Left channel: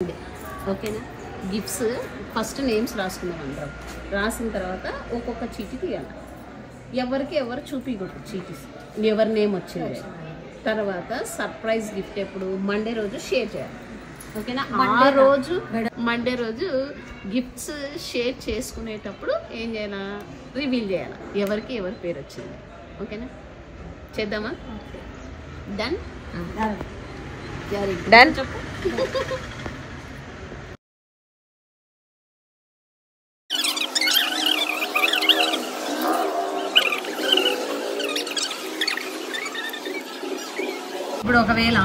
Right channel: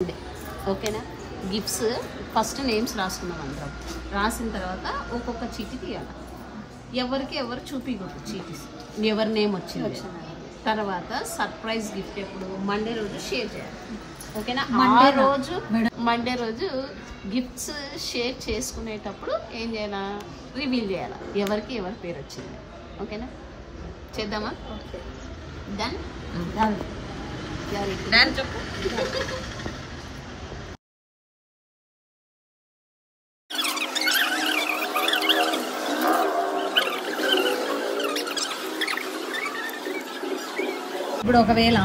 ఓకేనా? Gifts first names రాసుకుందాం అందరం. రాసిన తర్వాత ఒక్కొక్క చీటీ తీయాలి. ఎవరికి ఎవరు చూపించకూడదు చీటీస్, ఎవరి నేమ్ వచ్చింది. తర్వాత సర్ప్రైజ్ గిఫ్ట్ ఎప్పుడు మండే రోజు షేర్ చేయాలి. ఓకేనా? ఆ రోజు మండే రోజు గిఫ్ట్స్ షేర్ చేసుకునేటప్పుడు ఏం చేయాలా, రివీల్ చేయాలి ఎవరికి ఎవరి పేరు వచ్చింది. ఓకేనా? చేద్దామా? Done done. చెప్పు. ఇప్పుడు ఒకవేళ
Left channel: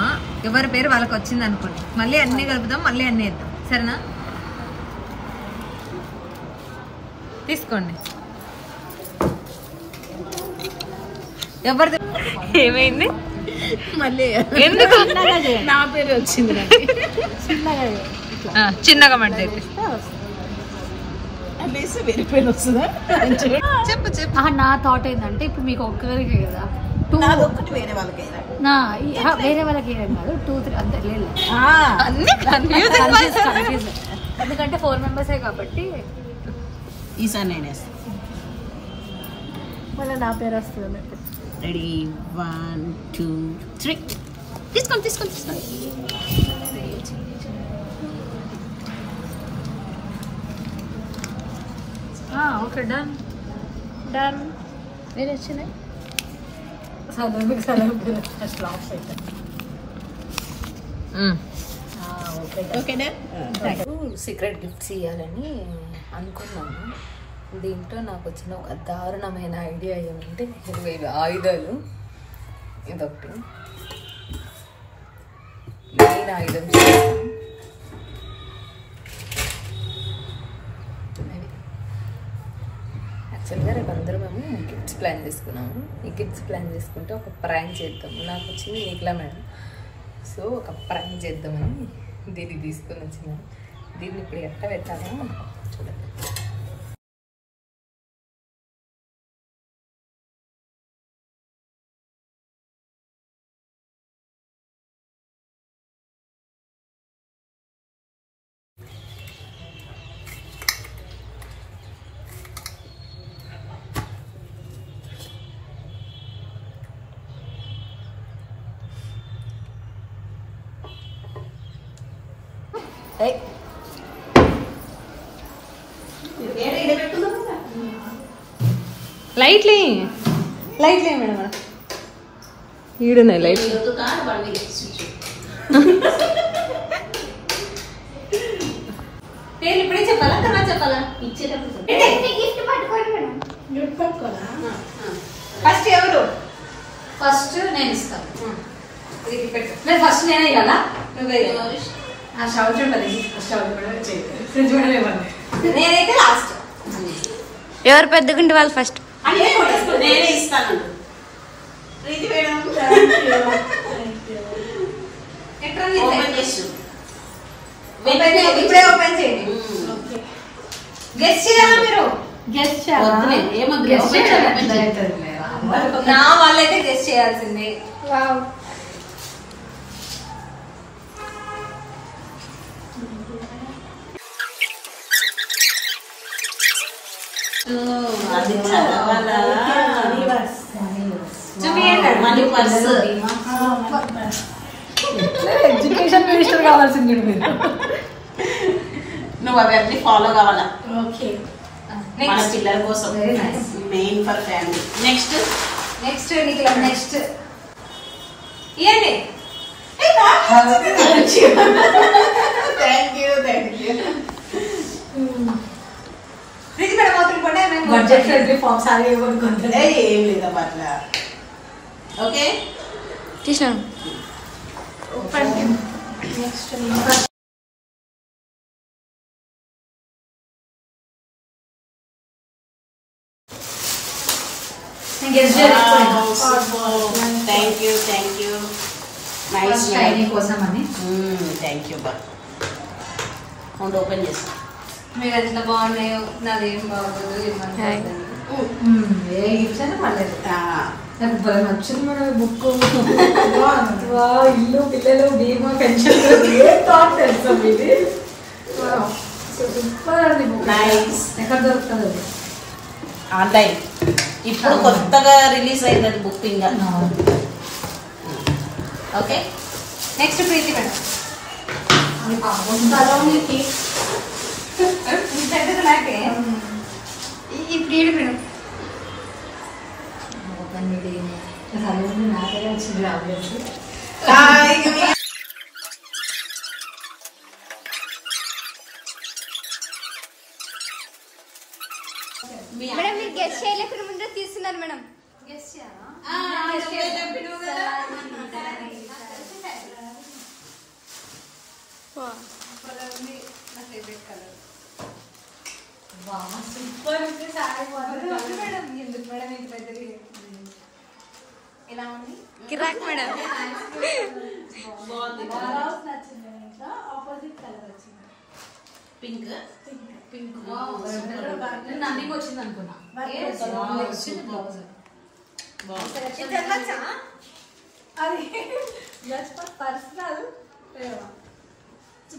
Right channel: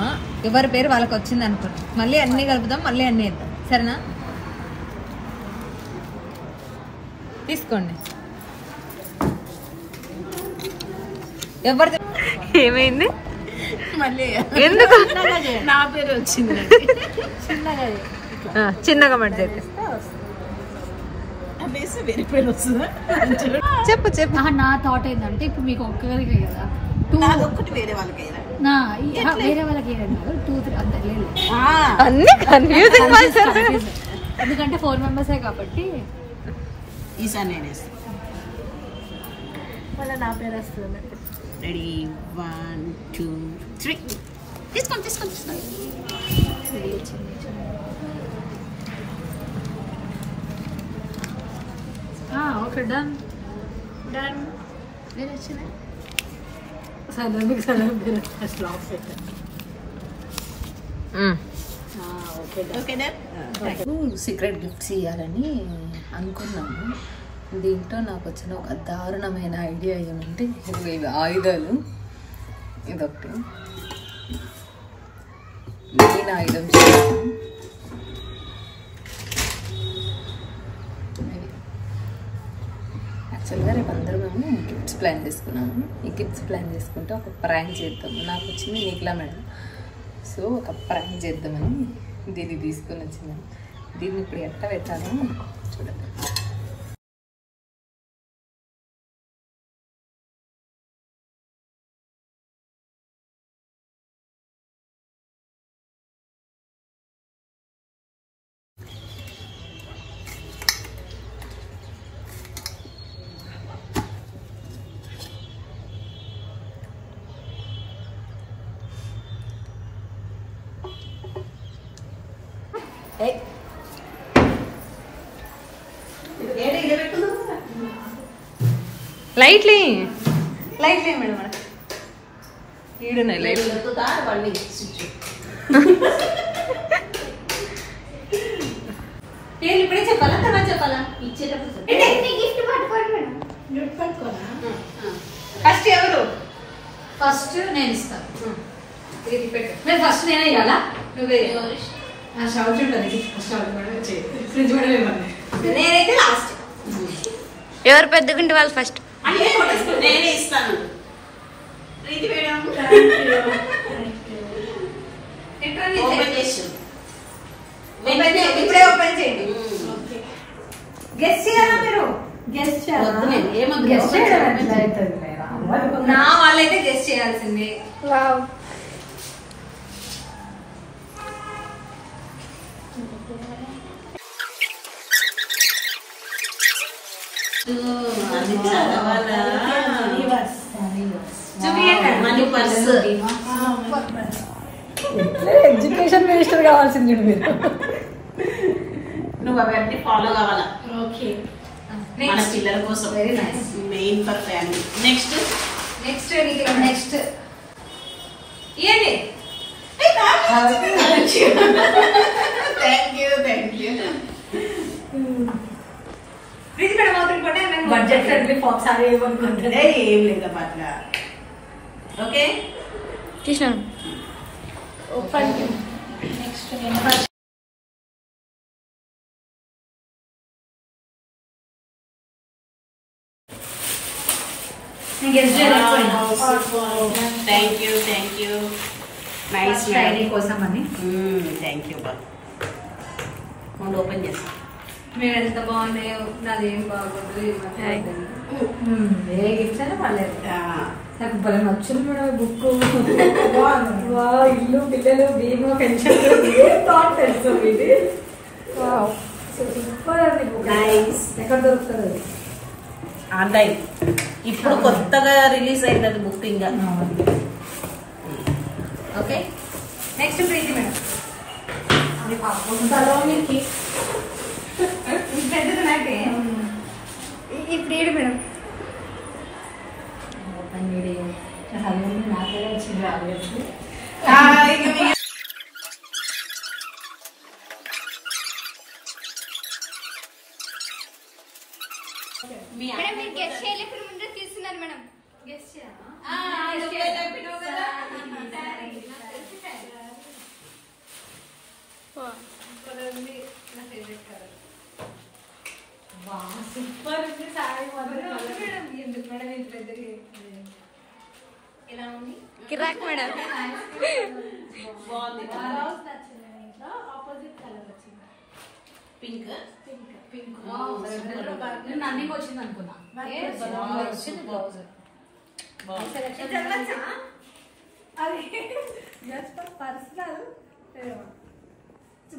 ఎవరి పేరు వాళ్ళకి వచ్చింది అనుకోండి, మళ్ళీ అన్ని కలుపుదాం, మళ్ళీ అన్ని వేద్దాం. సరేనా? తీసుకోండి. ఎవరిది ఏమైంది? మళ్ళీ ఎందుకు? నా పేరు వచ్చింది. చిన్నగా మట్టి వేరే పేరు వస్తుందా? చెప్పు చెప్పు. నా థాట్ ఏంటంటే ఇప్పుడు మీకు ఒక్కరికి కదా, వేరే వాళ్ళకి వేరే వాళ్ళకి ఏం కాదు, 2, 3 అంతే లేదు. అన్ని కన్ఫ్యూజింగ్. ఎందుకంటే 4 మెంబర్సే కాబట్టి ఈసారి నేను వేస్తాను. మళ్ళీ నా పేరు వస్తుంది. రెడీ 1 2 3 తీసుకోండి తీసుకోండి తీసుకోండి. Okay done done. వేరే వచ్చింది. సీక్రెట్ గిఫ్ట్స్ ఇవ్వాలని అనుకున్నాము. దీంట్లో నాకు వచ్చిన ఒక దారుణమైన ఐడియా ఏమంటే, ఇవి ఆయుధాలు. ఇదొకటి మెయిన్ ఆయుధం చేస్తాను. యాక్చువల్గా రేపు అందరూ మేము గిఫ్ట్స్ ప్లాన్ చేసుకున్నాము. ఈ గిఫ్ట్స్ ప్లాన్ చేసుకుంటే ఒక ప్రాంక్ చేద్దాము. నాకు వచ్చింది నీకులా మేడం. సో ఒక ప్రాంక్ చేద్దామని దీన్ని తీసుకొని వచ్చినాను. దీన్ని ఇప్పుడు ఎట్లా పెట్టాలో చూడండి. లైట్లీ లైట్లీ మేడం, ఈడున్నాయి లైట్. పేరు ఇప్పుడే చెప్పాలా తర్వాత చెప్పాలా? ఫస్ట్ ఎవరు? ఫస్ట్ నేను ఇస్తాను. ఇది పెట్టు. మీరు ఫస్ట్ నేనే కదా, నువ్వే. నేనైతే లాస్ట్. ఎవరు పెద్దగుంటే వాళ్ళు ఫస్ట్. నేనే ఇస్తాను. ఇప్పుడే ఓపెన్ చేయండి. గెస్ట్ చేయాలా మీరు? గెస్ట్ నా వాళ్ళైతే గెస్ట్ చేయాల్సింది. ఎడ్యుకేషన్ మినిస్టర్ కావాల్సింది మీరు. నువ్వు అవన్నీ ఫాలో కావాలా? ఓకే, మన పిల్లల కోసం, main for family. Next next next ఇయండి. Thank you thank you. ఇది కూడా మాత్రం కూడా బడ్జెట్ ఫ్రెండ్లీ ఫాక్స్ సారీ ఏమనుకుంటుంది. ఏం లేదమ్మా అట్లా. ఓకే తీసినాను. Next thank you thank you. Nice కోసం అని. Thank you. బా ఓపెన్ చేస్తా. మీరు ఎంత బాగున్నాయో, నాదేం బాగోదు. ఏ గిఫ్ట్స్ అయినా పర్లేదు. నాకు బాగా నచ్చింది మేడం బుక్. ఇల్లు పిల్లలు బీమా పెన్షన్ తెలుసా ఇది. సూపర్ అండి బుక్. ఎక్కడ దొరుకుతుంది అది? ఆన్లైన్ ఇప్పుడు కొత్తగా రిలీజ్ అయింది బుక్. ఇంకా ఓకే నెక్స్ట్ ప్రీతి మేడం. ఇప్పుడు ఏడు మేడం నాకేలా వచ్చింది రావచ్చు. మేడం మీరు గెస్ట్ చేయలేకుండా ముందే తీస్తున్నారు మేడం. గెస్ట్ చేయాలా? కిరాక్ మేడం. పింక్ అన్నికి వచ్చింది అనుకున్నా. పర్సనల్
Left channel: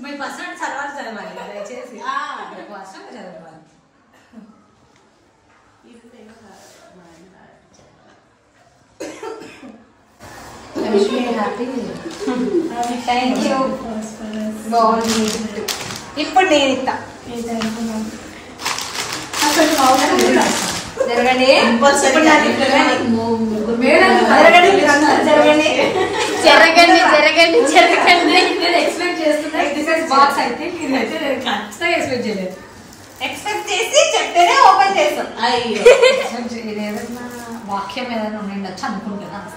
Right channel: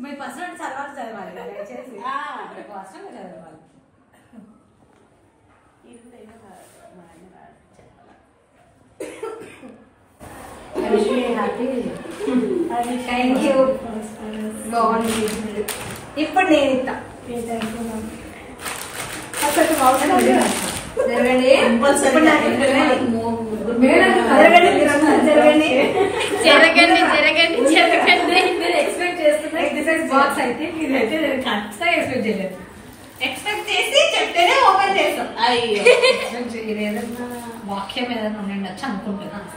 మీ పర్సనల్ చదవాలి దయచేసి పర్సనల్ చదవాలి. Thank you. బాగుంది. ఇప్పుడు నేను ఇస్తా. జరగండి ఎక్స్పెక్ట్ చేయలేదు. ఎక్స్పెక్ట్ చేసి చెప్తేనే ఓపెన్ చేస్తాం. ఏదైనా వాక్యం ఏదైనా ఉండొచ్చు అనుకుంటున్నాను.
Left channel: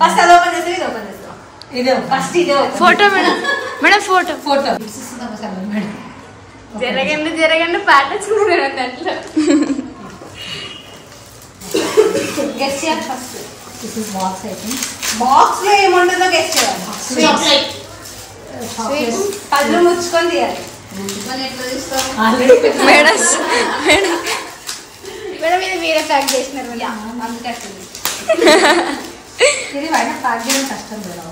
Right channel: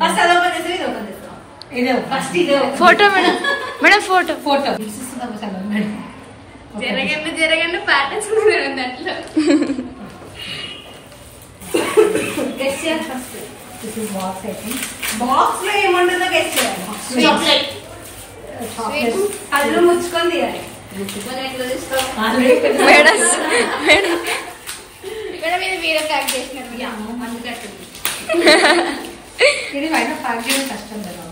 ఫస్ట్ అలా ఓపెన్ చేస్తే ఇది ఓపెన్ చేస్తాం. ఇదే ఫస్ట్ ఇదే photo madam. Madam photo photo madam. జరగండి ప్యాటర్న్స్ మేడం గంటలో. గెస్ట్ చేయాలి first. This is box items. Box లో ఏముంటుందో గెస్ట్ చేయాలి. చాక్లెట్ పళ్ళు ముచ్చుకొని తీయాలి. ముచ్చుకొని ఎట్లా తీస్తాం మేడం. మేడం ఇది మీరే ప్యాక్ చేసినారు. ఇది బయట ప్యాక్ చేయడం కష్టం కదా.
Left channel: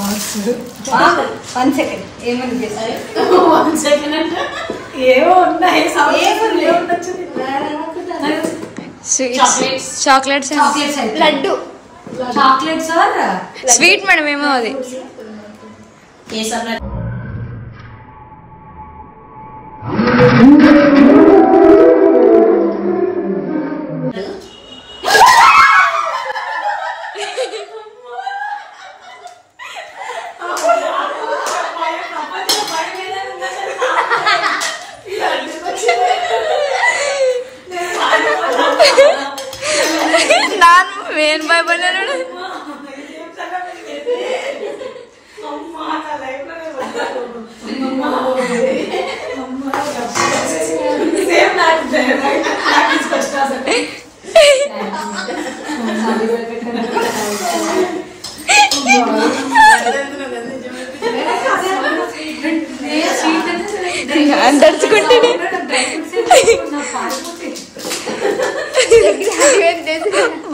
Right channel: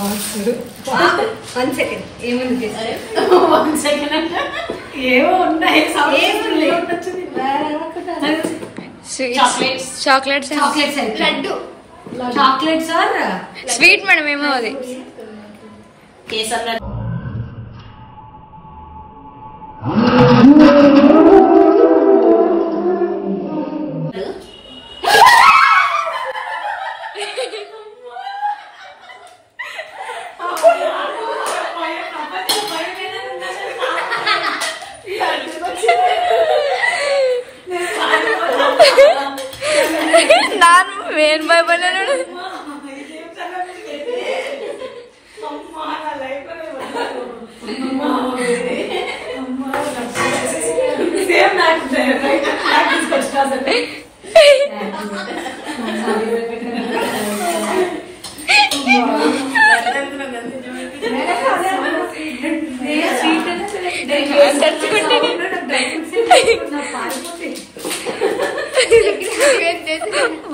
బాక్స్ 1 సెకండ్ ఏముంది ఏమో ఉన్నాయి. Chocolates laddu chocolates sweet madam ఏమో అది. కేసర్ నాన్ వేన్ బాయ్ బనాడు.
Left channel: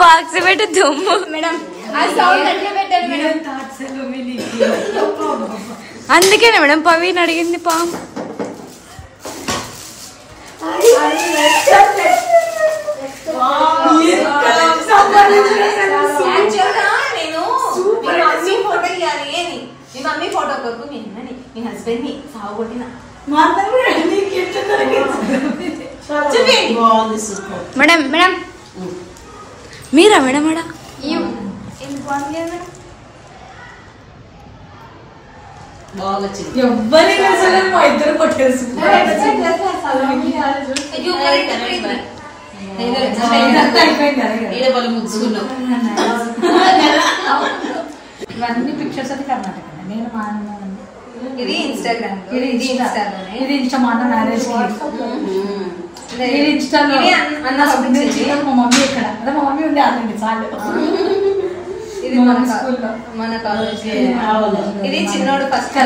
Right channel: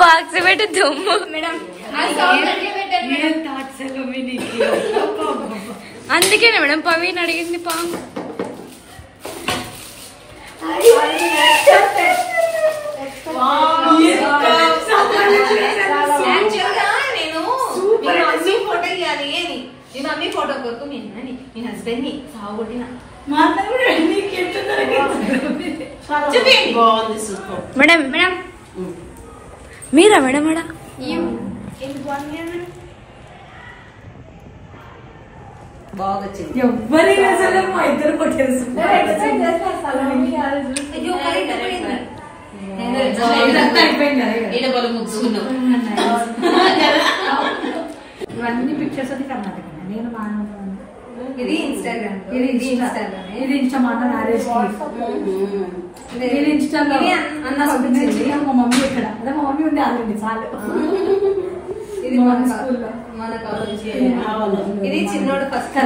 బాక్స్ పెట్టి దుమ్ము. అందుకేనా మేడం పవీన్ అడిగింది పాము. మమ్మీ ఫోటో కొరకు మీ హస్బెండ్ ని సాగొట్టిన మేడం. మేడం మీరా మేడం? మేడం బాగా వచ్చింది. ఎవ్వరి మా ఇద్దరు ఇవన్నీ పిక్చర్స్ అని కర్ణాటక. నేను మా ఇది ఇన్స్టాగ్రామ్, ఇది ఇన్స్టా మాట మ్యారేజ్. ఇది ఇన్స్టాలో అన్న మా మమ్మీ ఇక్కడ అదే మా మమ్మీ ఉండే అదండి చాలు. ఇది మన స్కూల్లో మన కాలేజ్. ఇది చిన్నోడు ఫస్ట్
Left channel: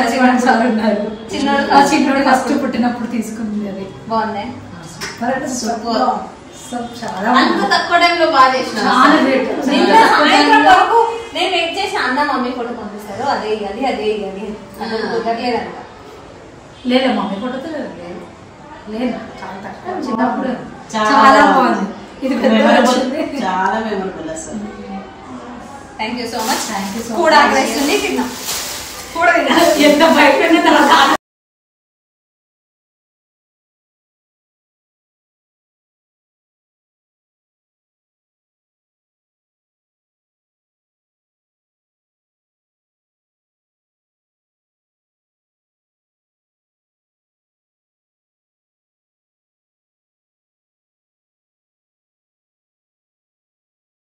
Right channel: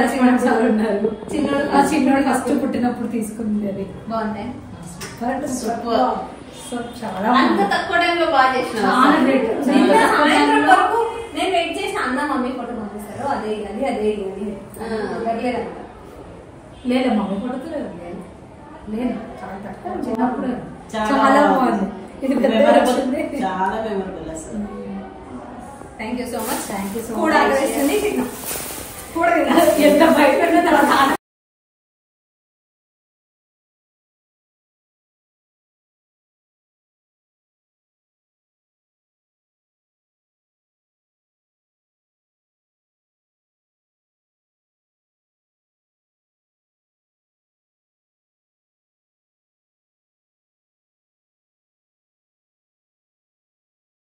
ఉన్నారు. చిన్నోడు ఫస్ట్ పుట్టినప్పుడు తీసుకుంది. అది బాగుంది. సూపర్. చాలా అంత తక్కువ టైంలో బాగా చేసిన చాలా great. నిన్న సాయంత్రం వరకు నేను వెయిట్ చేసి అన్న మమ్మీ ఫోటో పంపిస్తారు అదే ఇవ్వాలి అదే ఇవ్వాలి కుదరలేదంట. లేదు మమ్మీ ఫోటోతో లేదు చాలా తక్కువ చిన్నప్పుడు చాలా బాగుంది. ఇది పెద్ద వచ్చింది. చాలా మెమొరబుల్ అసలు. Thank you so much. Thank you so కూడా మచ్. వేస్తుంది తిన్నాం. కూడా ఎంత బయట